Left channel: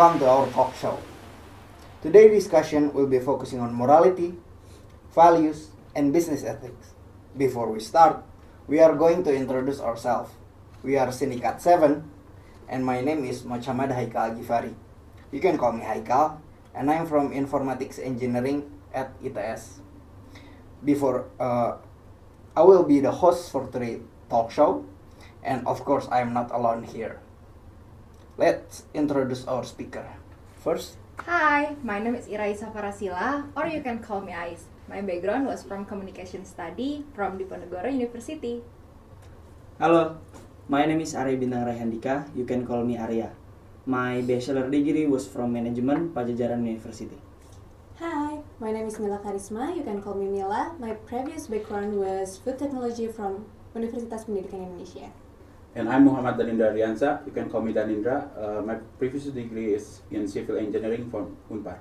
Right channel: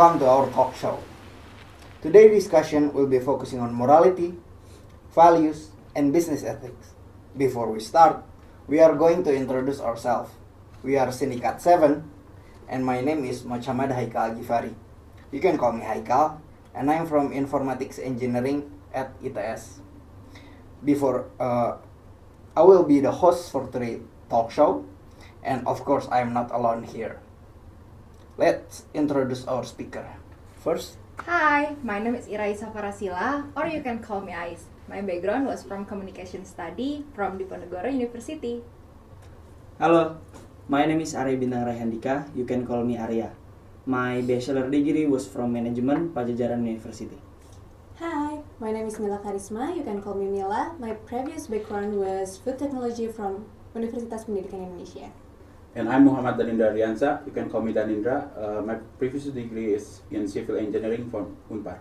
Welcome to our talk show. Today's discussion will be focusing on morality, values, and business ethics. Before we start, we are going to introduce ourselves. We are Syndicate 7, and my name is Mochamad Haikal Ghiffari. You can call me Haikal, and I'm from Informatics Engineering at ITS. I will be the host for today's talk show, and of course, I am not alone here. Let's introduce our speaker. First, Hi, my name is Iraisa Farasila, or you can call me Ais. My background was from communication study from Diponegoro University. Hello, my name is Arya Bintang Raihandika. You can call me Arya. My bachelor degree was from management Pajajaran University. Hi, my name is Milla Karisma. You can call me Milla. My previous background was food technology from Universitas Pendidikan Indonesia. And I'm Muhamad Danindra Riansa. You can call me Danindra. My previous degree is in civil engineering from Bintang.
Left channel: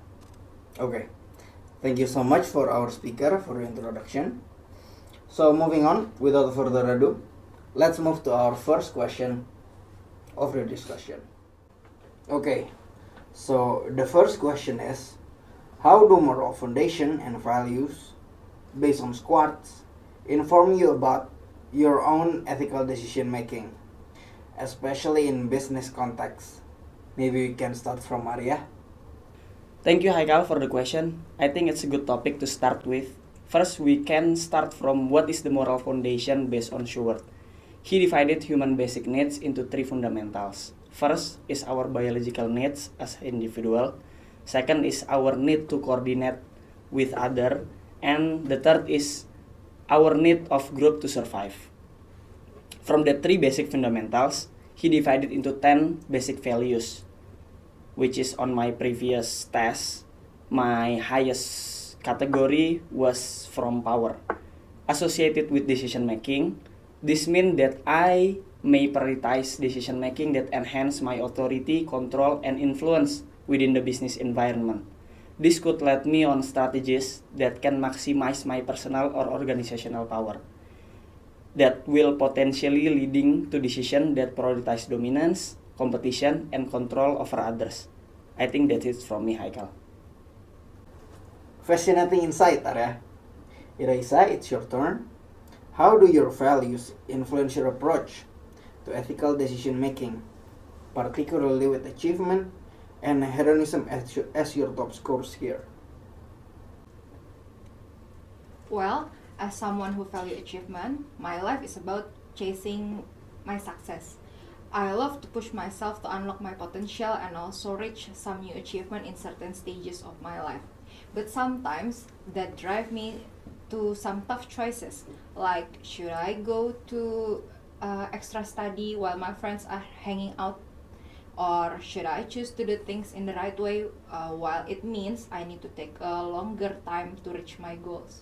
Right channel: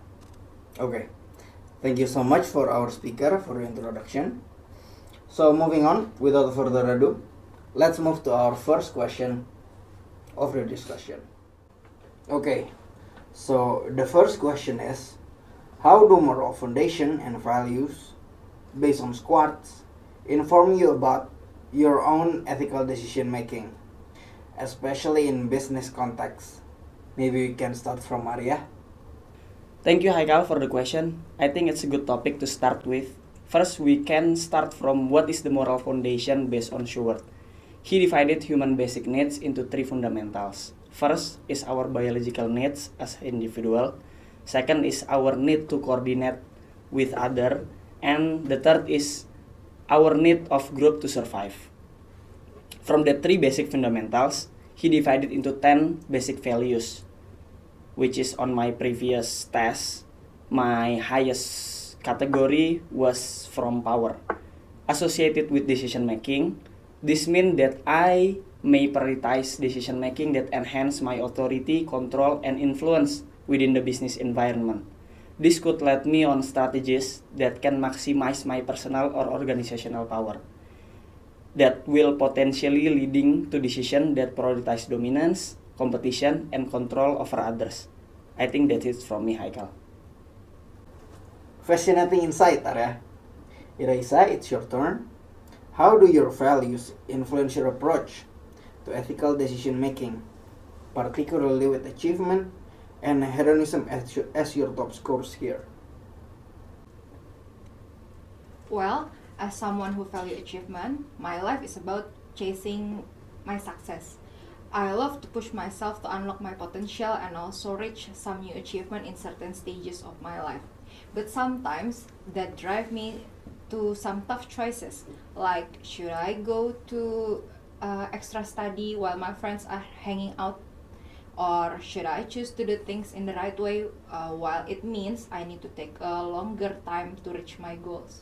okay. Thank you so much for our speaker for the introduction. So moving on, without further ado, let's move to our first question of the discussion. Okay, so the first question is, how do moral foundation and values based on squads inform you about your own ethical decision making, especially in business context? Maybe we can start from Arya. Thank you, Haikal, for the question. I think it's a good topic to start with. First, we can start from what is the moral foundation based on Schubert. He divided human basic needs into three fundamentals. First is our biological needs as individual. Second is our need to coordinate with other. And the third is our need of group to survive. From the three basic fundamentals, he divided into 10 basic values, which is on my previous test. My highest category was from power. Associated with decision making, this means that I may prioritize decision making that enhance my authority, control, and influence within the business environment. This could lead me on strategies that can maximize my personal or organizational power, that will potentially leading to decisions that prioritize dominance, competition, and control over others. I think that is from me, Haikal. Fascinating insight, Arya. Iraisa, it's your turn. How do your values influence your approach to ethical decision making, particularly with achievement and hedonism as your top scores here? Well, as someone who values achievement, my life is about chasing my success. I love to push myself to unlock my potential and also reach some new achievement in certain stages of my life. But sometimes that drive me to some tough choices, like should I go to extra study while my friends are hanging out, or should I choose to do things in the right way while it means I need to take a longer time to reach my goals.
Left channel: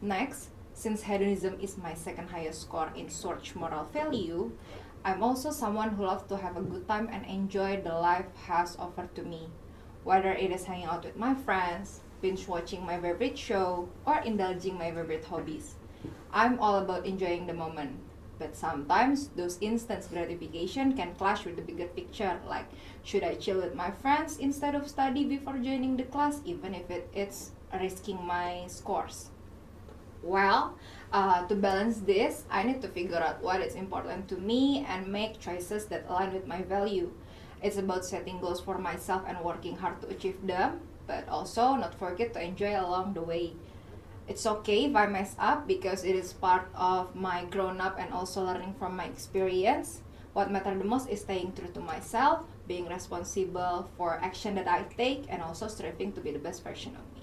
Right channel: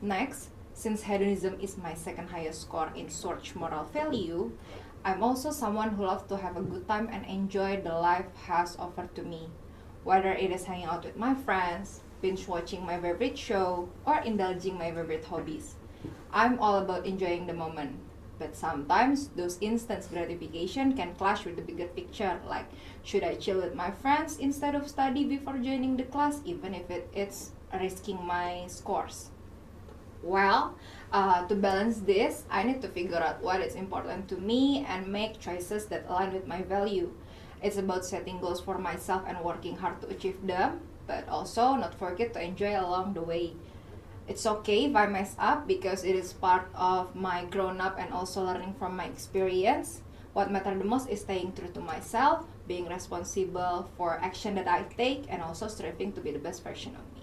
Next, since hedonism is my second highest score in search moral value, I'm also someone who loves to have a good time and enjoy the life has offered to me. Whether it is hanging out with my friends, binge watching my favorite show, or indulging my favorite hobbies. I'm all about enjoying the moment. But sometimes those instant gratification can clash with the bigger picture, like should I chill with my friends instead of study before joining the class, even if it's risking my scores. Well, to balance this, I need to figure out what is important to me and make choices that align with my value. It's about setting goals for myself and working hard to achieve them, but also not forget to enjoy along the way. It's okay if I mess up because it is part of my grown up and also learning from my experience. What matters the most is staying true to myself, being responsible for action that I take, and also striving to be the best version of me.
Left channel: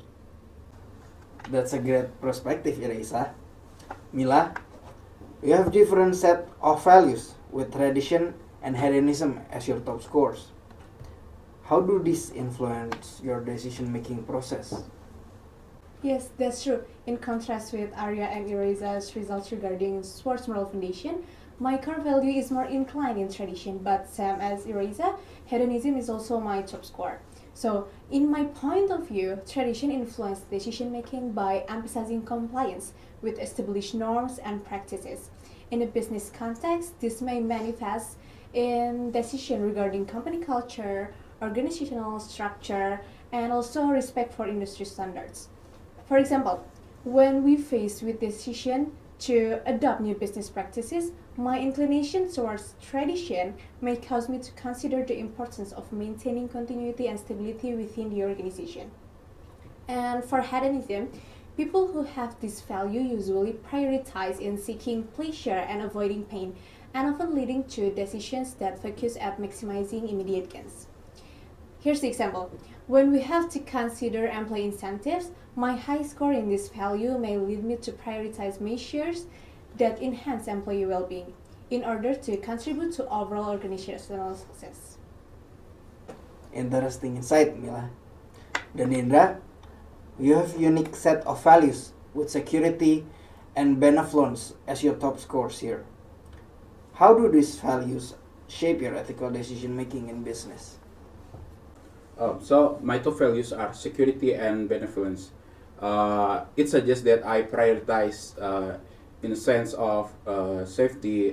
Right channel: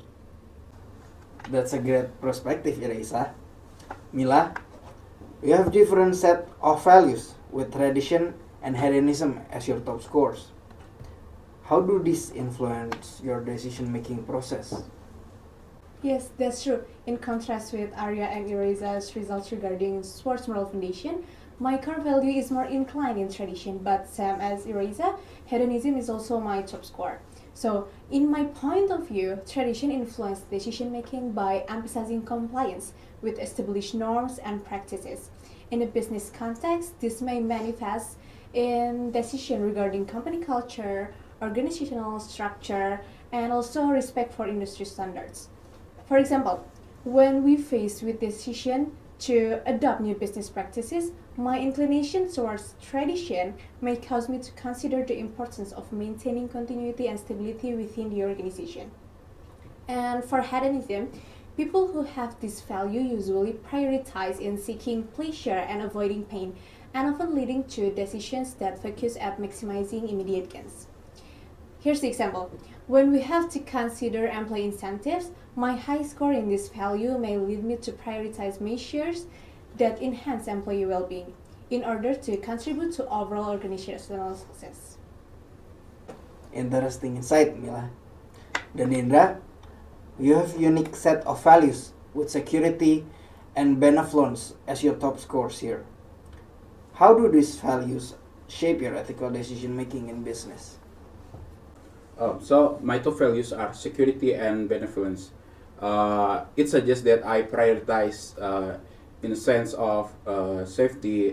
That's a great perspective, Iraisa. Milla, you have different set of values with tradition and hedonism as your top scores. How do these influence your decision-making process? Yes, that's true. In contrast with Arya and Iraisa's results regarding sports moral foundation, my core value is more inclined in tradition, but same as Iraisa, hedonism is also my top score. So, in my point of view, tradition influenced decision making by emphasizing compliance with established norms and practices. In a business context, this may manifest in decisions regarding company culture, organizational structure, and also respect for industry standards. For example, when we face with decision to adopt new business practices, my inclination towards tradition may cause me to consider the importance of maintaining continuity and stability within the organization. And for hedonism, people who have this value usually prioritize in seeking pleasure and avoiding pain, and often leading to decisions that focus at maximizing immediate gains. Here's the example. When we have to consider employee incentives, my high score in this value may lead me to prioritize measures that enhance employee well-being in order to contribute to overall organizational success. Interesting insight, Milla. Danindra, you have a unique set of values with security and benevolence as your top scores here. How do these values shape your ethical decision making in business? So my two values are security and benevolence. It suggests that I prioritize in the sense of safety,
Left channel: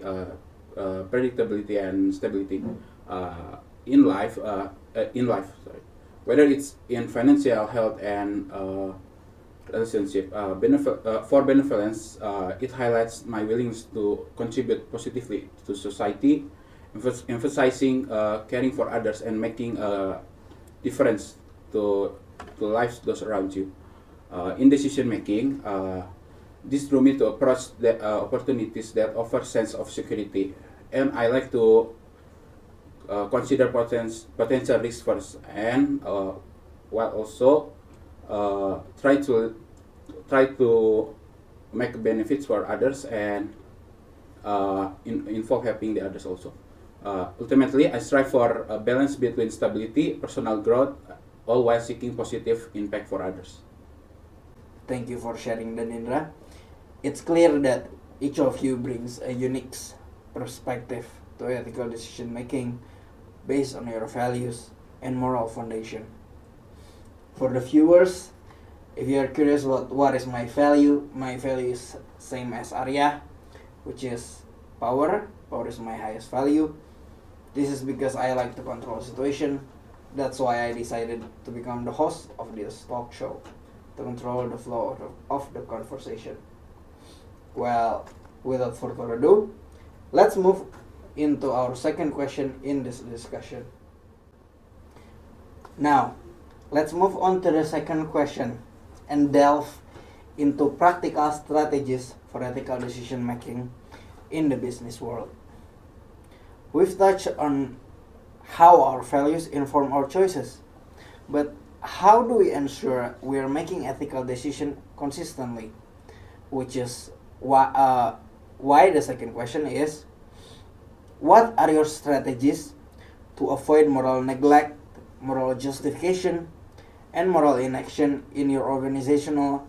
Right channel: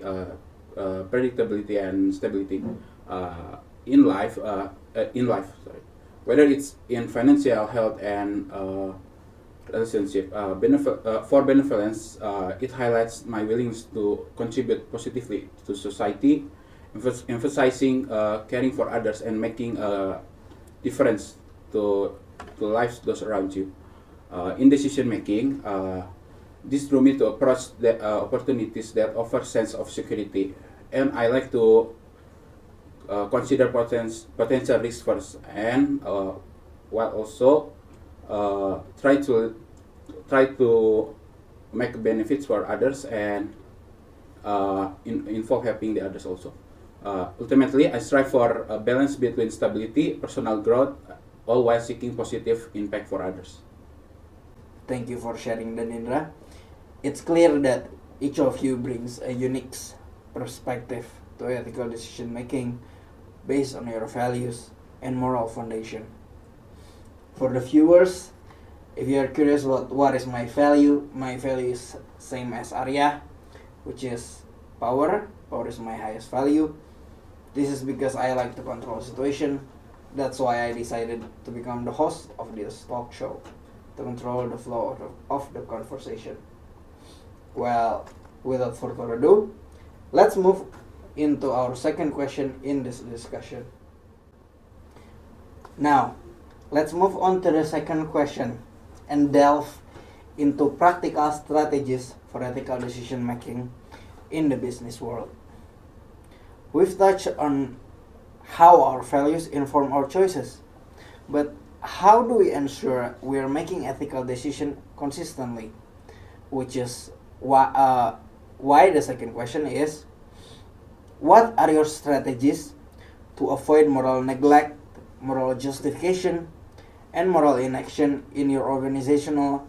predictability, and stability in life. Sorry. Whether it's in financial health and relationship. For benevolence, it highlights my willingness to contribute positively to society, emphasizing caring for others and making a difference to lives those around you. In decision making, this drew me to approach the opportunities that offer sense of security, and I like to consider potential risks first, and while also try to make benefits for others and involve helping the others also. Ultimately, I strive for a balance between stability, personal growth, all while seeking positive impact for others. Thank you for sharing, Danindra. It's clear that each of you brings a unique perspective to ethical decision making based on your values and moral foundation. For the viewers, if you're curious what is my value is same as Arya, which is power. Power is my highest value. This is because I like to control the situation. That's why I decided to become the host of this talk show, to control the flow of the conversation. Well, without further ado, let's move into our second question in this discussion. Now, let's move on to the second question and delve into practical strategies for ethical decision making in the business world. We've touched on how our values inform our choices, but how do we ensure we are making ethical decisions consistently? Which is why the second question is, what are your strategies to avoid moral neglect, moral justification, and moral inaction in your organizational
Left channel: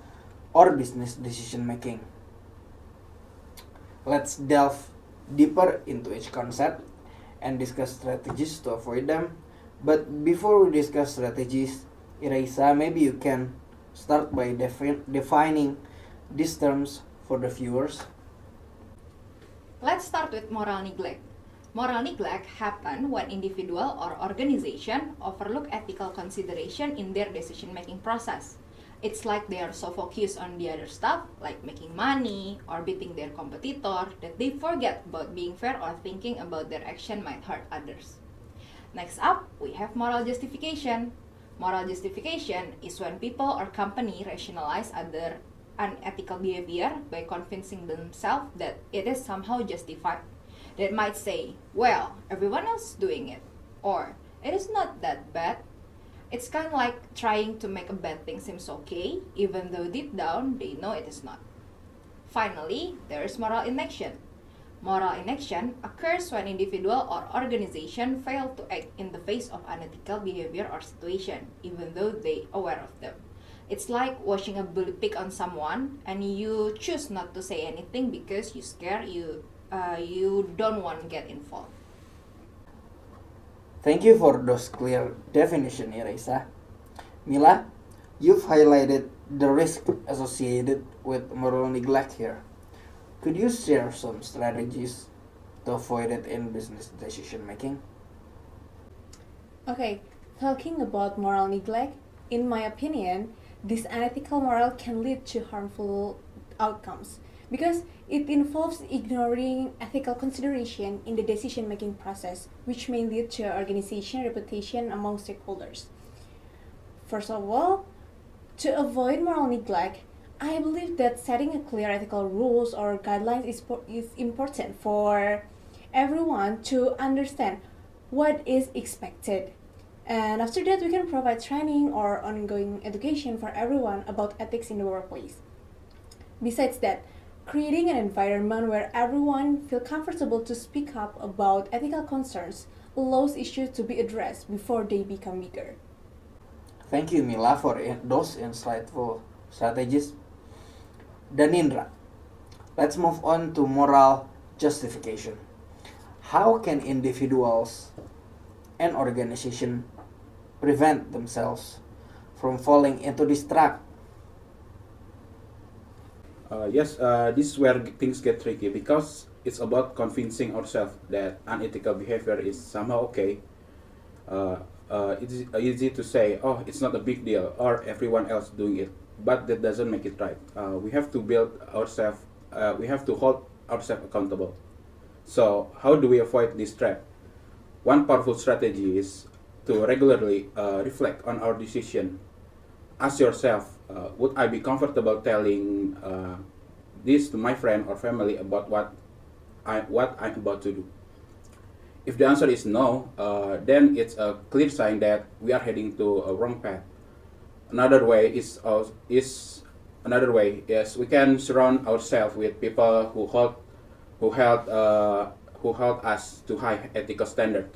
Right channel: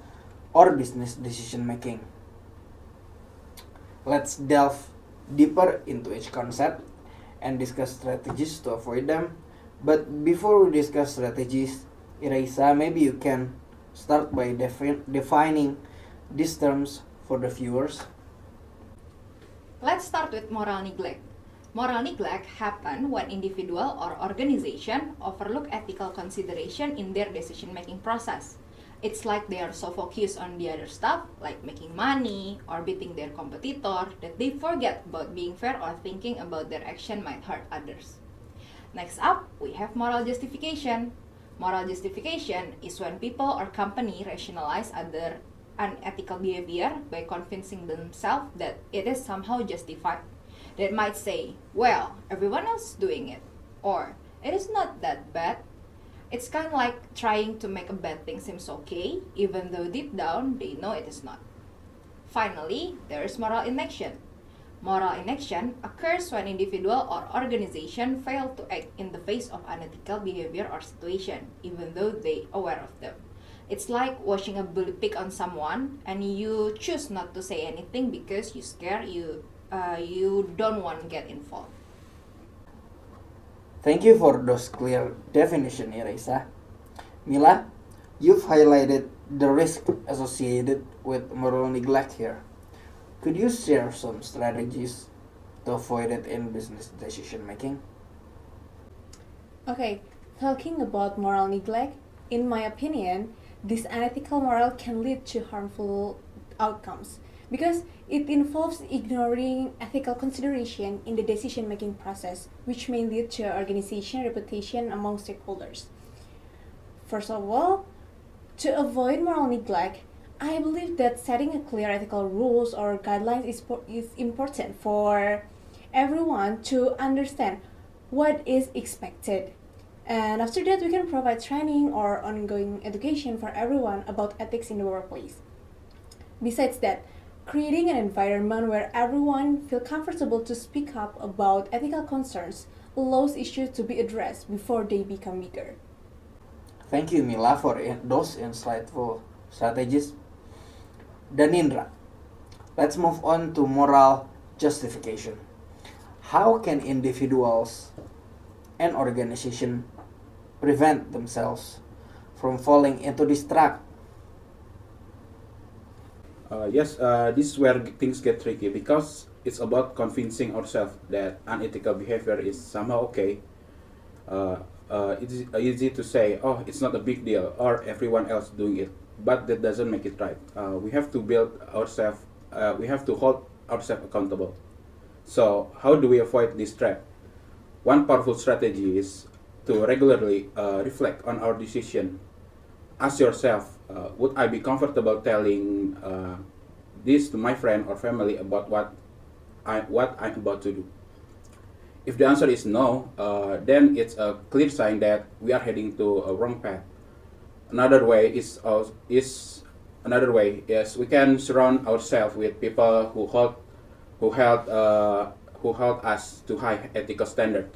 or business decision making? Let's delve deeper into each concept and discuss strategies to avoid them. But before we discuss strategies, Iraisa, maybe you can start by defining these terms for the viewers. Let's start with moral neglect. Moral neglect happens when individual or organization overlook ethical consideration in their decision-making process. It's like they are so focused on the other stuff, like making money or beating their competitor, that they forget about being fair or thinking about their action might hurt others. Next up, we have moral justification. Moral justification is when people or company rationalize other unethical behavior by convincing themselves that it is somehow justified. They might say, well, everyone else is doing it, or it is not that bad. It's kind of like trying to make a bad thing seems okay, even though deep down they know it is not. Finally, there is moral inaction. Moral inaction occurs when individual or organization fail to act in the face of unethical behavior or situation, even though they are aware of them. It's like watching a bully pick on someone and you choose not to say anything because you're scared, you don't want to get involved. Thank you for those clear definition, Iraisa. Milla, you've highlighted the risk associated with moral neglect here. Could you share some strategies to avoid it in business decision making? Okay, Talking about moral neglect, in my opinion, this unethical moral can lead to harmful outcomes because it involves ignoring ethical consideration in the decision-making process, which may lead to organization reputation among stakeholders. First of all, to avoid moral neglect, I believe that setting a clear ethical rules or guidelines is important for everyone to understand what is expected. And after that, we can provide training or ongoing education for everyone about ethics in the workplace. Besides that, creating an environment where everyone feels comfortable to speak up about ethical concerns allows issues to be addressed before they become bigger. Thank you, Milla, for those insightful strategies. Danindra, let's move on to moral justification. How can individuals and organizations prevent themselves from falling into this trap? Yes, this is where things get tricky because it's about convincing ourselves that unethical behavior is somehow okay. It's easy to say, oh, it's not a big deal, or everyone else doing it, but that doesn't make it right. We have to build ourselves, we have to hold ourselves accountable. So, how do we avoid this trap? One powerful strategy is to regularly reflect on our decision. Ask yourself, would I be comfortable telling this to my friend or family about what I'm about to do? If the answer is no, then it's a clear sign that we are heading to a wrong path. Another way is yes, we can surround ourselves with people who hold us to high ethical standard.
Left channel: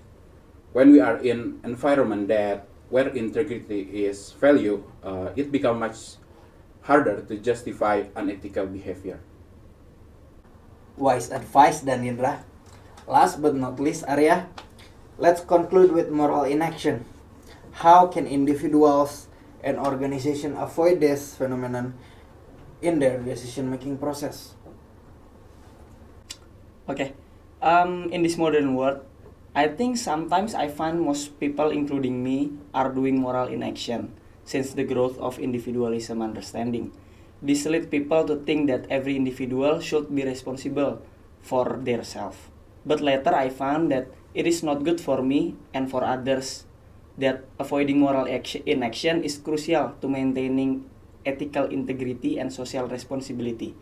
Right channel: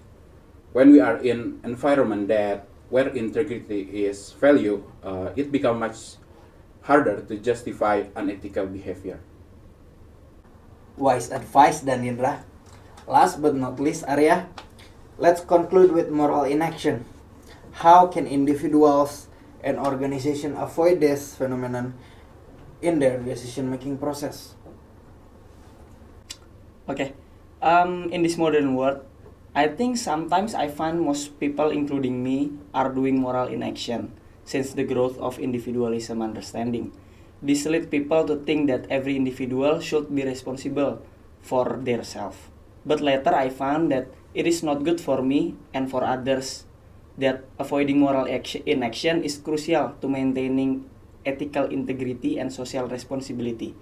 When we are in environment that where integrity is valued, it becomes much harder to justify unethical behavior. Wise advice, Danindra. Last but not least, Arya, let's conclude with moral inaction. How can individuals and organizations avoid this phenomenon in their decision-making process? Okay. In this modern world, I think sometimes I find most people, including me, are doing moral inaction since the growth of individualism understanding. This leads people to think that every individual should be responsible for their self. But later I found that it is not good for me and for others, that avoiding moral inaction is crucial to maintaining ethical integrity and social responsibility.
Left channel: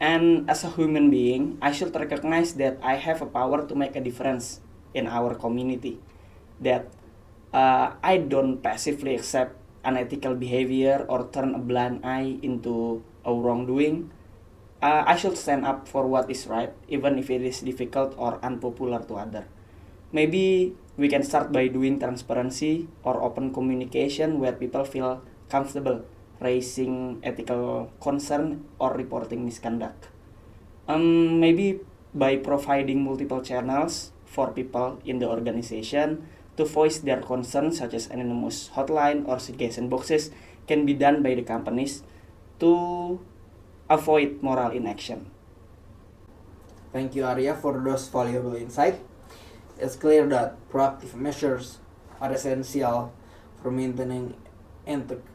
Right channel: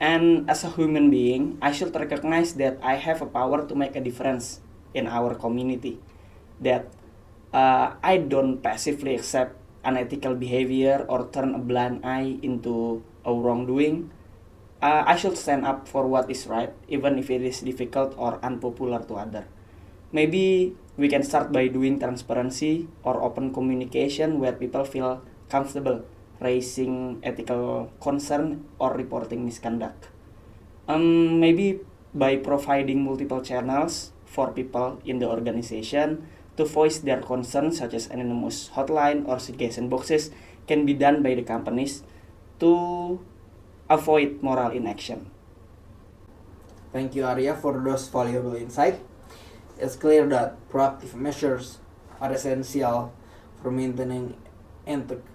And as a human being, I should recognize that I have a power to make a difference in our community. That I don't passively accept unethical behavior or turn a blind eye into a wrongdoing. I should stand up for what is right, even if it is difficult or unpopular to others. Maybe we can start by doing transparency or open communication where people feel comfortable raising ethical concern or reporting misconduct. Maybe by providing multiple channels for people in the organization to voice their concerns, such as anonymous hotline or suggestion boxes, can be done by the companies to avoid moral inaction. Thank you, Arya, for those valuable insight. It's clear that proactive measures are essential for maintaining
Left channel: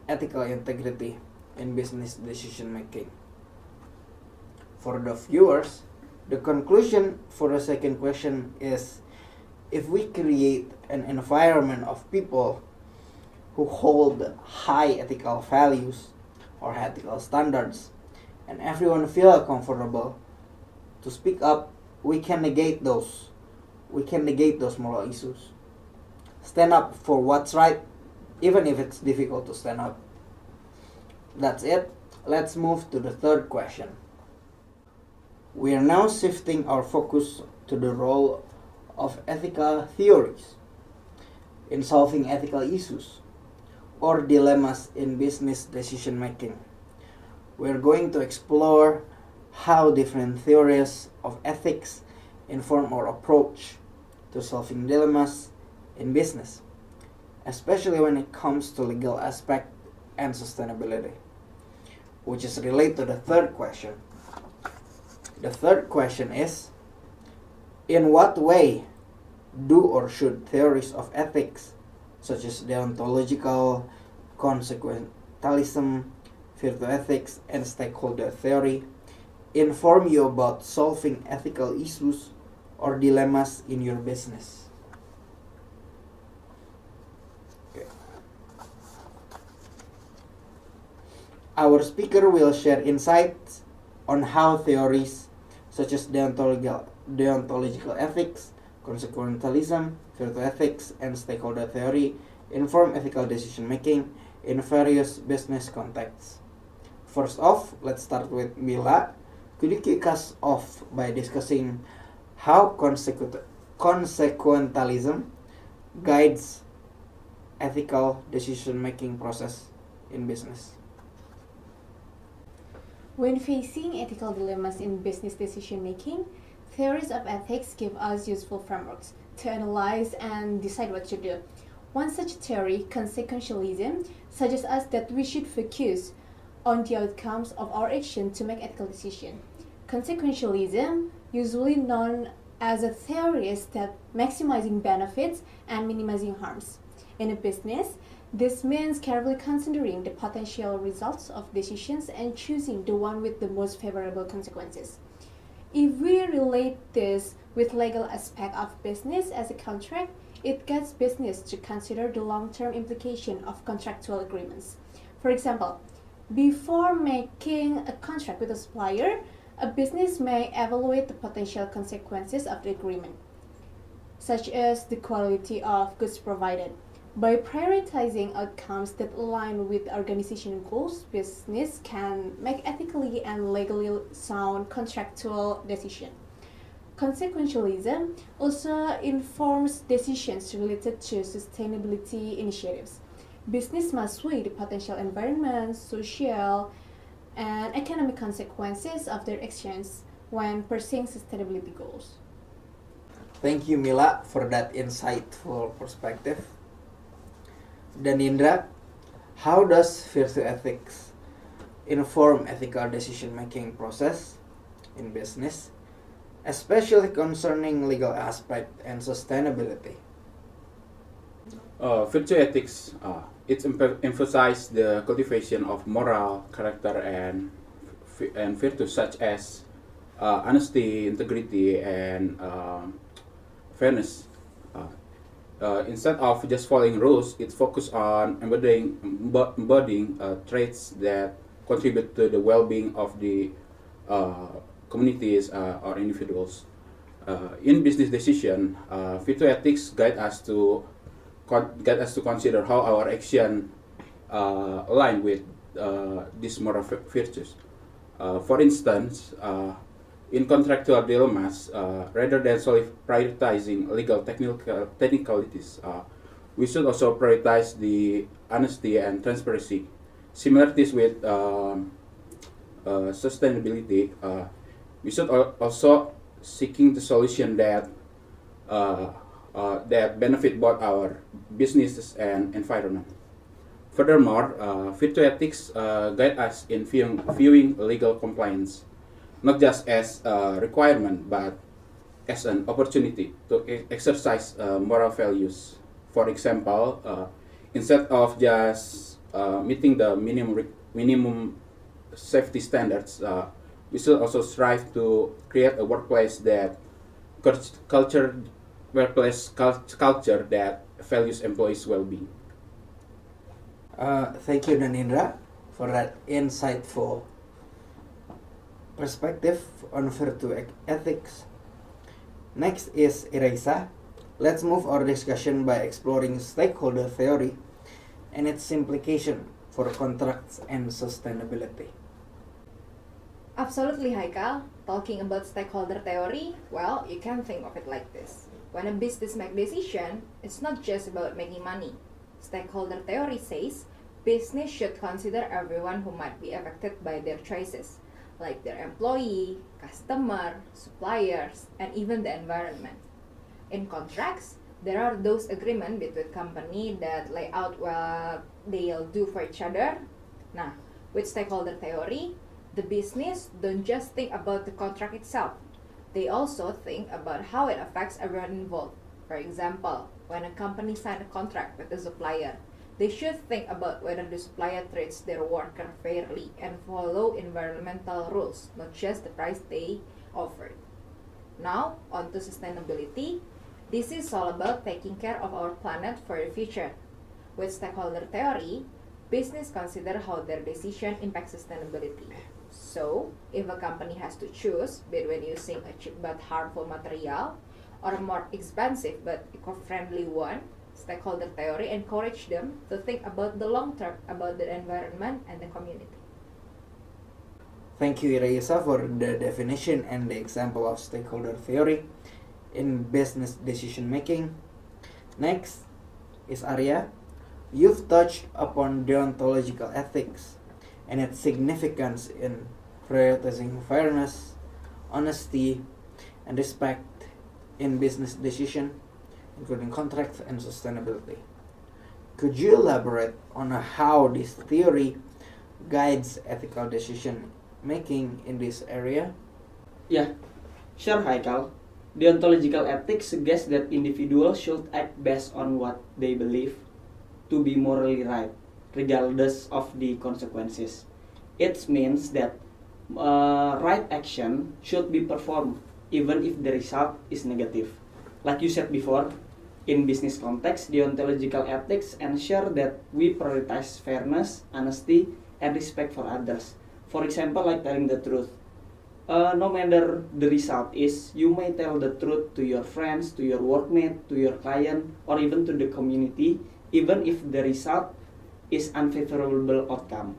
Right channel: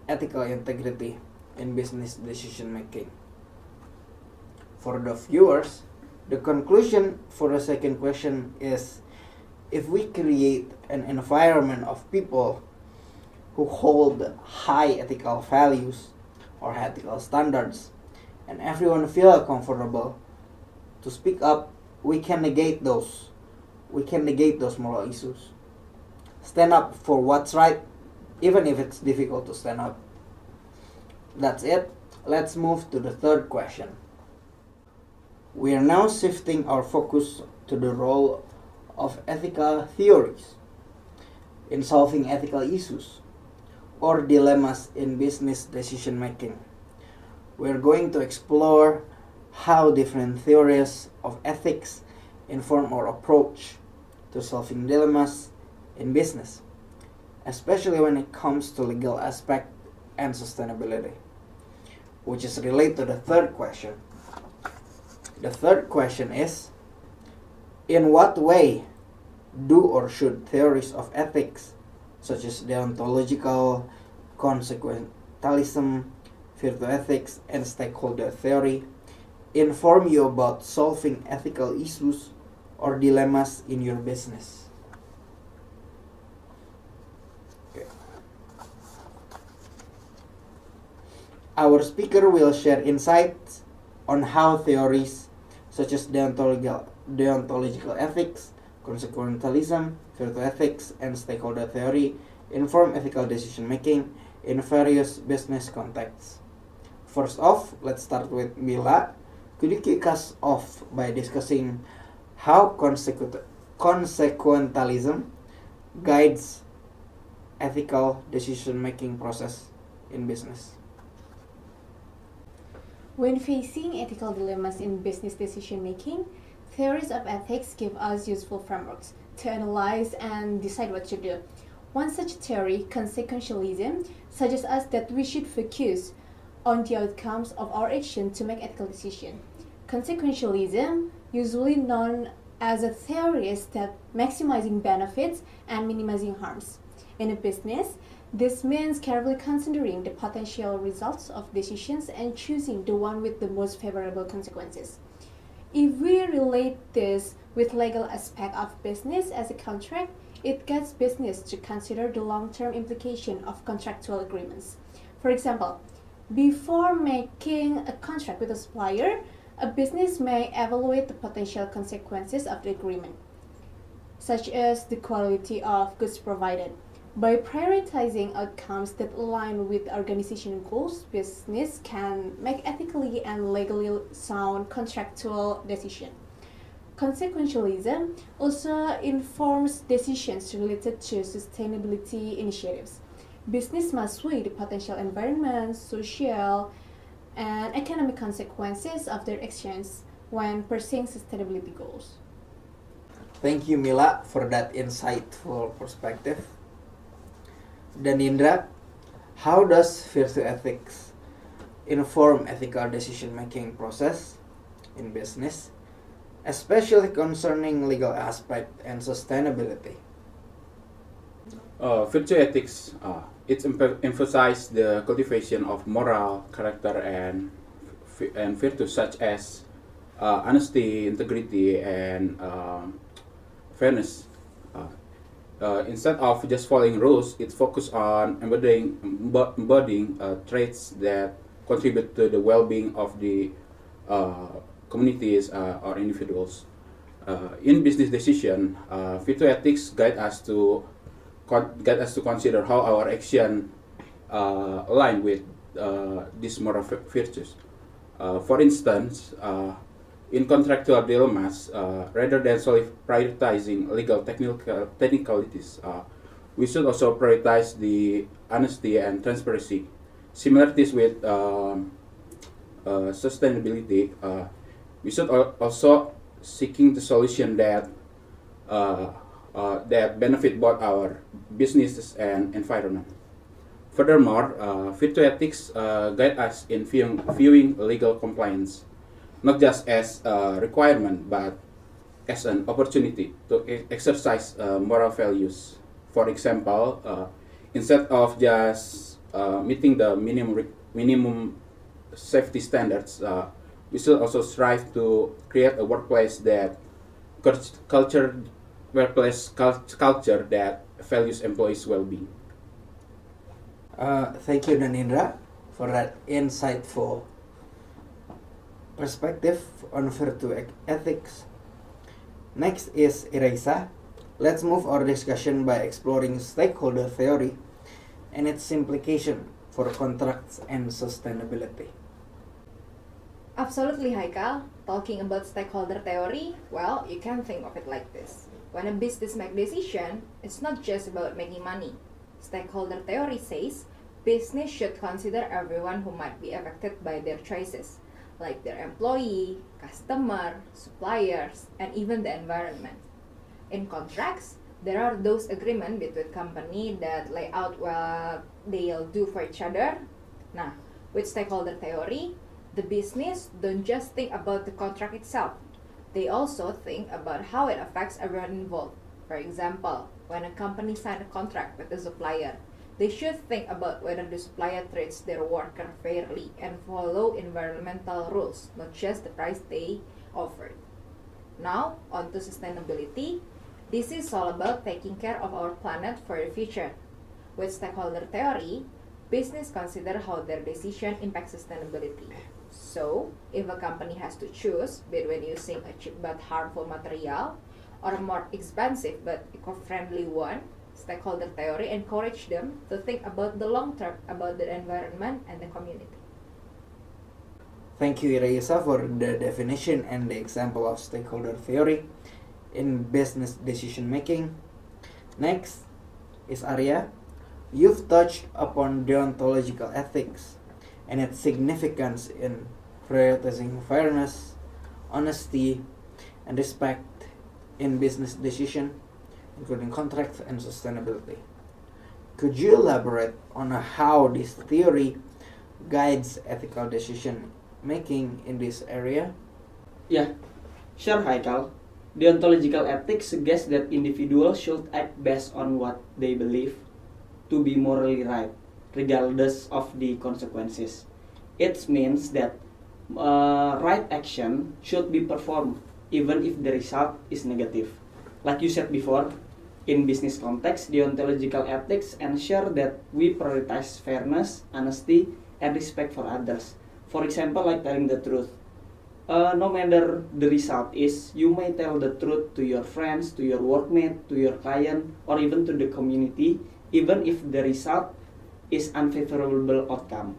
ethical integrity in business decision making. For the viewers, the conclusion for the second question is, if we create an environment of people who hold high ethical values or ethical standards, and everyone feel comfortable to speak up, we can negate those moral issues. Stand up for what's right, even if it's difficult to stand up. That's it. Let's move to the third question. We are now shifting our focus to the role of ethical theories in solving ethical issues or dilemmas in business decision making. We are going to explore how different theories of ethics inform our approach to solving dilemmas in business, especially when it comes to legal aspect and sustainability, which is related to the third question. The third question is, in what way do or should theories of ethics such as deontological, consequentialism, virtue ethics, and stakeholder theory, inform you about solving ethical issues or dilemmas in your business. Our speaker will share insights on how theories such as deontological ethics, consequentialism, virtue ethics, and stakeholder theory inform ethical decision making in various business contexts. First off, let's start with Milla. Could you kick us off by discussing how consequentialism guides ethical decision making process in business? When facing ethical dilemmas in business decision making, theories of ethics give us useful frameworks to analyze and decide what to do. One such theory, consequentialism, suggests us that we should focus on the outcomes of our action to make ethical decisions. Consequentialism, usually known as a theory, is that maximizing benefits and minimizing harms. In a business, this means carefully considering the potential results of decisions and choosing the one with the most favorable consequences. If we relate this with legal aspect of business as a contract, it guides business to consider the long-term implication of contractual agreements. For example, before making a contract with a supplier, a business may evaluate the potential consequences of the agreement, such as the quality of goods provided. By prioritizing outcomes that align with organizational goals, business can make ethically and legally sound contractual decisions. Consequentialism also informs decisions related to sustainability initiatives. Business must weigh the potential environmental, social, and economic consequences of their actions when pursuing sustainability goals. Thank you, Milla, for that insightful perspective. Danindra, how does virtue ethics inform ethical decision-making process in business, especially concerning legal aspect and sustainability? Virtue ethics, it emphasizes the cultivation of moral character and virtues such as honesty, integrity, and fairness. Instead of just following rules, it focuses on embodying traits that contribute to the well-being of the communities or individuals. In business decision, virtue ethics guide us to consider how our action align with these moral virtues. For instance, in contractual dilemmas, rather than solely prioritizing legal technicalities, we should also prioritize the honesty and transparency. Similarities with sustainability, we should also seeking the solution that that benefit both our businesses and environment. Furthermore, virtue ethics guide us in viewing legal compliance not just as a requirement but as an opportunity to exercise moral values. For example, instead of just meeting the minimum safety standards, we should also strive to create a workplace culture that values employees' well-being. Thank you, Danindra, for that insightful perspective on virtue ethics. Next is Iraisa. Let's move our discussion by exploring stakeholder theory and its implication for contracts and sustainability. Absolutely, Haikal. Talking about stakeholder theory, well, you can think of it like this. When a business makes decision, it's not just about making money. Stakeholder theory says business should consider everyone who might be affected by their choices, like their employee, customer, suppliers, and even the environment. In contracts, there are those agreements between companies that lay out what they'll do for each other. Now, with stakeholder theory, the business don't just think about the contract itself. They also think about how it affects everyone involved. For example, when a company signs a contract with a supplier, they should think about whether the supplier treats their worker fairly and follow environmental rules, not just the price they offer. Now, on to sustainability. This is all about taking care of our planet for the future. With stakeholder theory, business consider how their decision impacts sustainability. So, if a company has to choose between using a cheap but harmful material or a more expensive but eco-friendly one, stakeholder theory encourages them to think about the long term, about the environment and the community. Thank you, Iraisa, for the definition and the example of stakeholder theory in business decision making. Next is Arya. You've touched upon deontological ethics and its significance in prioritizing fairness, honesty, and respect in business decision, including contracts and sustainability. Could you elaborate on how this theory guides ethical decision making in this area? Yeah, sure, Haikal. Deontological ethics suggests that individuals should act based on what they believe to be morally right, regardless of the consequences. It means that right action should be performed even if the result is negative. Like you said before, in business context, deontological ethics ensure that we prioritize fairness, honesty, and respect for others. For example, like telling the truth. No matter the result is, you may tell the truth to your friends, to your workmate, to your client, or even to the community, even if the result is unfavorable outcome.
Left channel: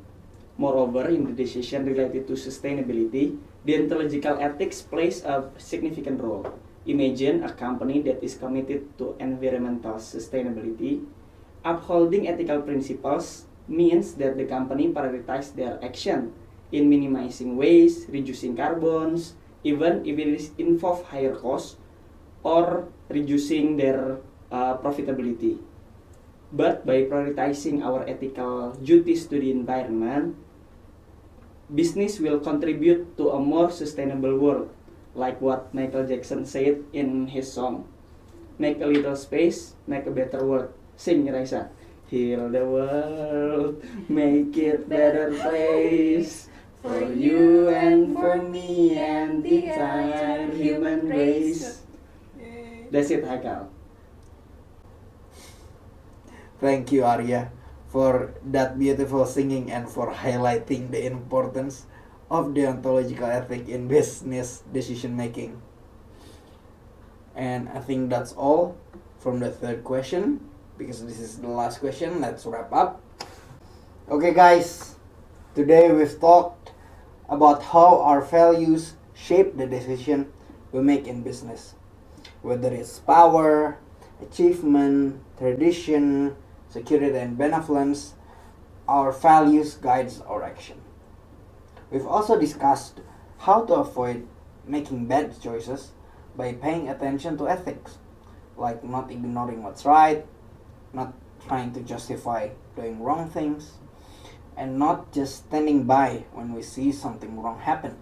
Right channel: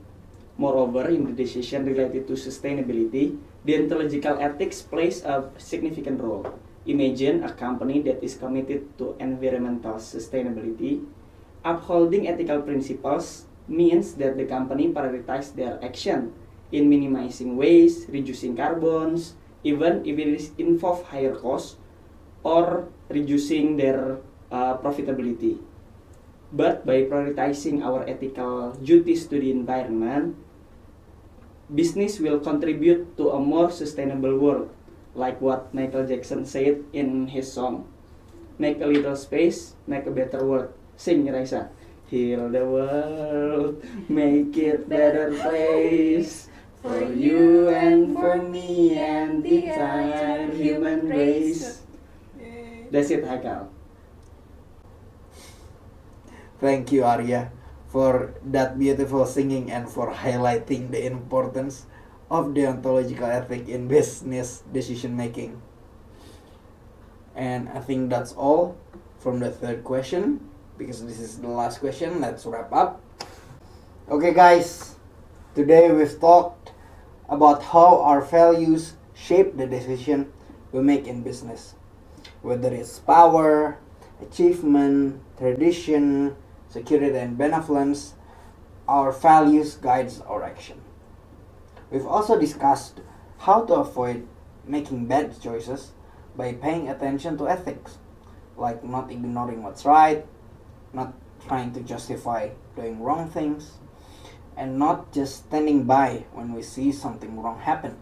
Moreover, in the decision related to sustainability, deontological ethics plays a significant role. Imagine a company that is committed to environmental sustainability. Upholding ethical principles means that the company prioritizes their action in minimizing waste, reducing carbons, even if it involves higher costs or reducing their profitability. But by prioritizing our ethical duties to the environment, business will contribute to a more sustainable world, like what Michael Jackson said in his song, "Make a little space, make a better world." Sing, Iraisa. Heal the world, make it better place for you and for me and the entire human race. That's it, Haikal. Thank you, Arya, for that beautiful singing and for highlighting the importance of deontological ethic in business decision making. And I think that's all from the third question, because this is the last question. Let's wrap up. Okay, guys, today we've talked about how our values shape the decision we make in business, whether it's power, achievement, tradition, security, and benevolence. Our values guides our action. We've also discussed how to avoid making bad choices by paying attention to ethics, like not ignoring what's right, not trying to justify doing wrong things, and not just standing by when we see something wrong happen.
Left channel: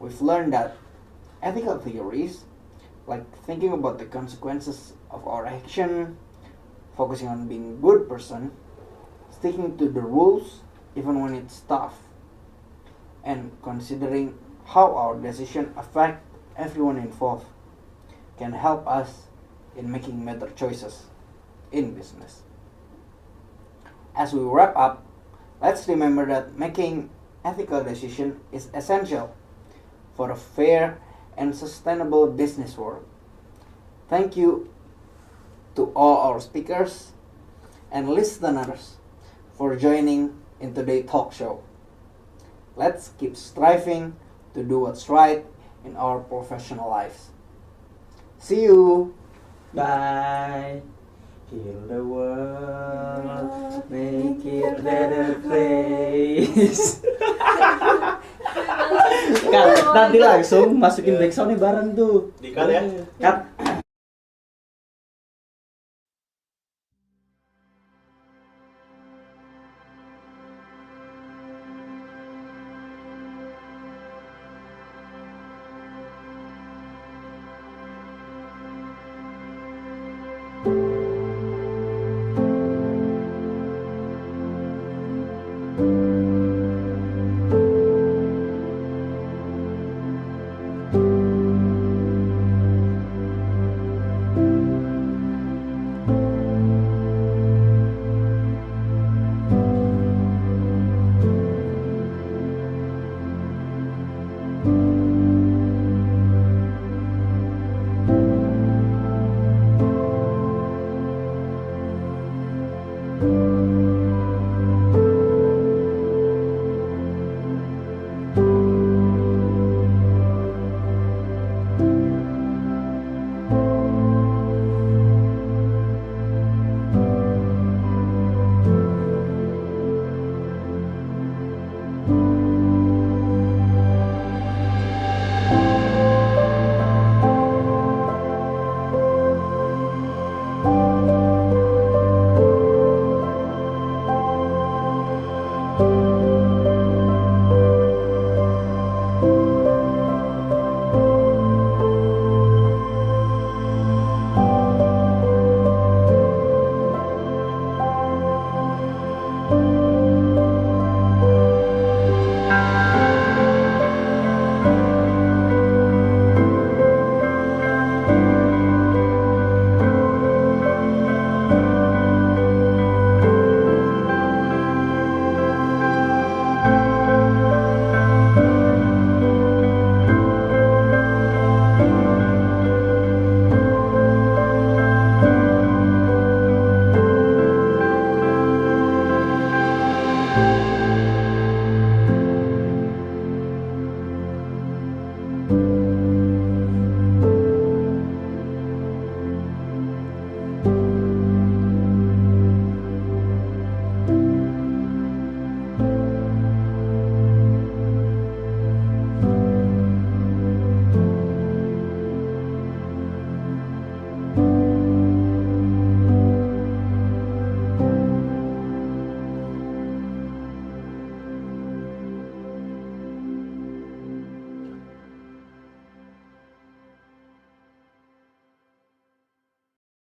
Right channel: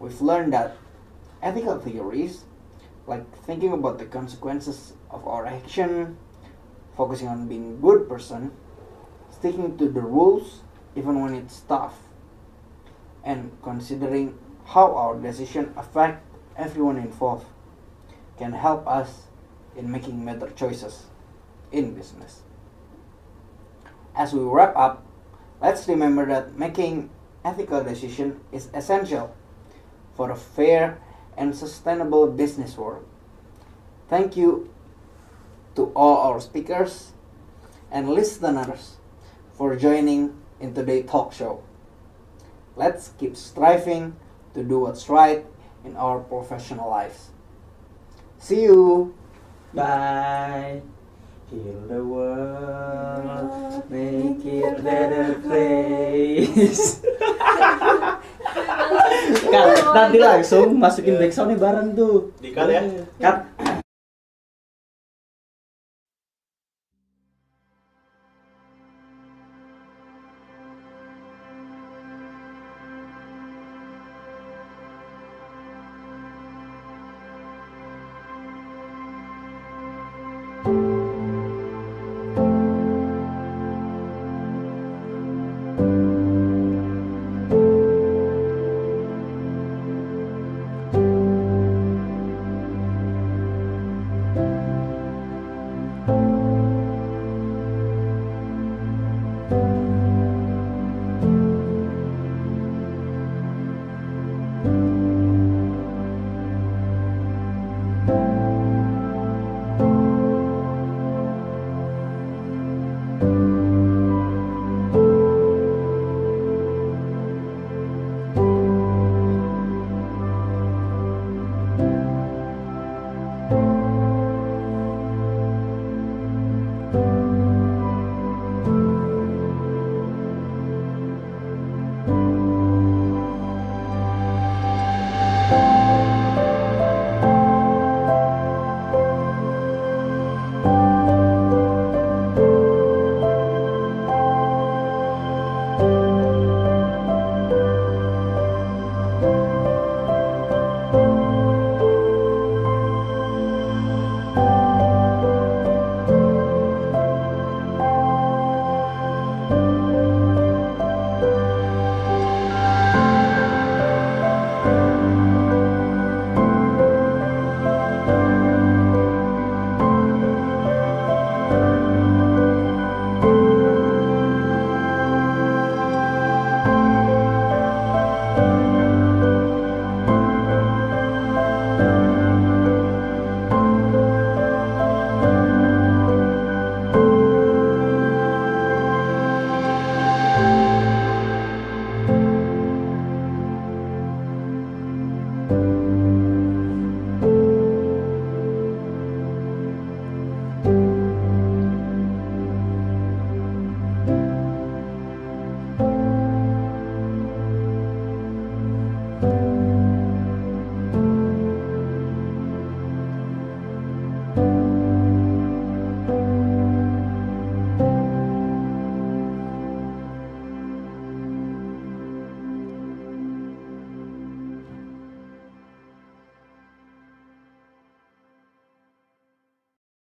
We've learned that ethical theories, like thinking about the consequences of our action, focusing on being a good person, sticking to the rules even when it's tough, and considering how our decision affect everyone involved, can help us in making better choices in business. As we wrap up, let's remember that making ethical decisions is essential for a fair and sustainable business world. Thank you to all our speakers and listeners for joining in today's talk show. Let's keep striving to do what's right in our professional life. See you. Bye. Heal the world, make it better place. Kalau nanti langsung masukin backsoundnya bareng tuh. Cut.